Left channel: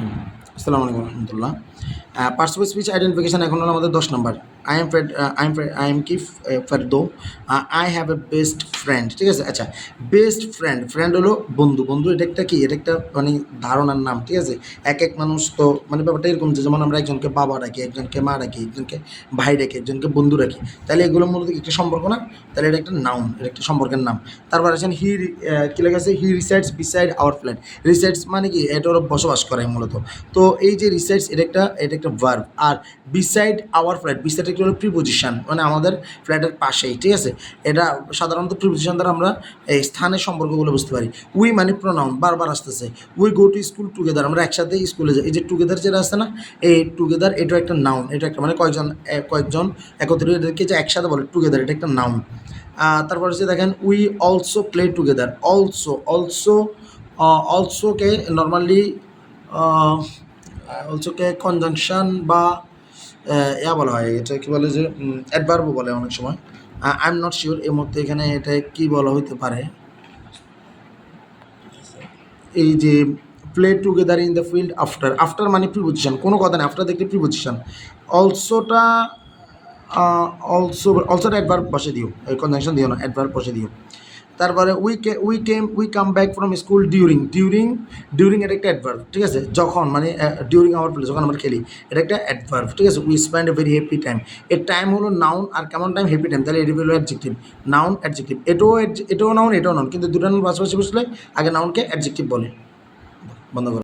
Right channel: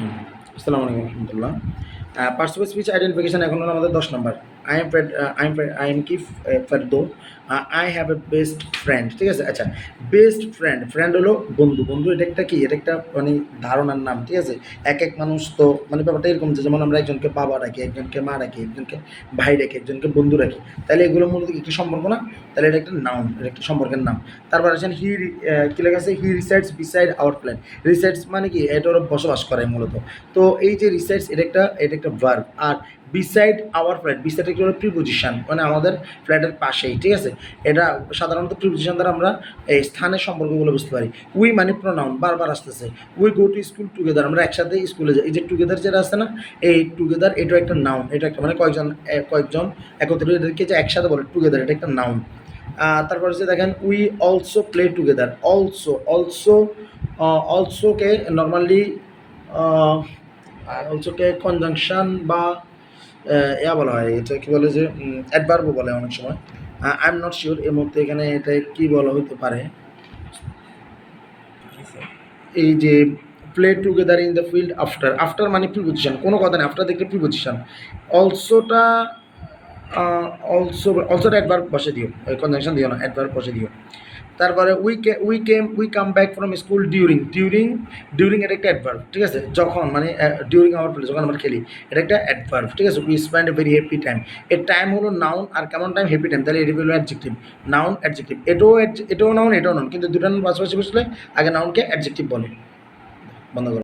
রহিম। আসসালামু আলাইকুম রহমতুল্লাহ। পার্টস অফ স্পিচ আইডেন্টিফিকেশন এখন হলো আমাদের 10 নাম্বার। আই এম কি ফারদো। I have a best friend. ঠিক আছে? আচ্ছা, বেস্ট ফ্রেন্ড, ফ্রেন্ড হলো বন্ধু। বন্ধু এটা একটা কি? এটা একটা মানে ধারণার নাম। ঠিক আছে? এক মানুষ তো মানে ব্যাপারটা এরকম যে যেমন আমরা একজনকে বাবা ডাকি, একজনকে মা ডাকি, একজনকে ভাই ডাকি, একজনকে বন্ধু ডাকি। তাহলে এগুলো মূলত কি একটা সম্পর্ক না? তাহলে এটা একটা নাউন, এটা একটা সম্পর্কের নাম। তারপর আছেন কি লেখা আছে? He resides beside our flat. Resides মানে কি? এটা ওরা বসবাস করে মূলত। তো এই যে রিসাইডস এটা একটা verb. R beside our flat, beside একটা হলো প্রিপোজিশন, মানে আমাদের ফ্ল্যাটের পাশেই। ঠিক আছে? এটা সাধারণত প্রিপোজিশন দ্বারা আমরা এই স্থানের সম্পর্কগুলো বুঝতে পারি। উই মানে প্রোনাউন, বারবার আসতেছে। We go to school together, আমরা একসাথে স্কুলে যাই। এই যে টুগেদার যেটা আছে না, এই টুগেদার এটাও একটা নাউন। এটা একটা মানে কয়েকজন একত্রিত এদেরকে যে একসাথে বলে টুগেদার, এটা একটা নাউন। তারপর হচ্ছে দেখেন উই অলসো প্লে টুগেদার। অলসোকে নর্মালি অলসোকে কনজাংশন বা ইয়া বলা হয়, এটা কি বলে যে অ্যাডভার্বও বলে অনেক সময়। আই এম নট শিওর এই মুহূর্তে এখানে এটা কি বলা হইতে পারে। এই যে play together in the field after, after মানে প্রিপোজিশন, কোনো কথা নেই, আফটার দেখলে প্রিপোজিশন। অলসোটা অলসোটা অ্যাডভার্ব বসে দিও, কনজাংশন দিও না, অ্যাডভার্ব বসে দিও। তারপরে we come back from school during এটা একটা অ্যাডভার্ব। ঠিক আছে? যখন মানে ডিউরিং আওয়ার প্লে, যখন আমরা খেলি, এটা একটা অ্যাডভার্ব। ঠিক আছে? We spend a very happy time. এর টাইম হলো নাউন, আর কেমন টাইম? Happy time. তাহলে এটা হলো অ্যাডজেক্টিভ। নাউন অ্যাডজেক্টিভ, এটাও নাউন, এটাও নাউন, কিন্তু দুটার পাশাপাশি বসলে আগে নাউনকে অ্যাডজেক্টিভ বলে। বন্ধ করো।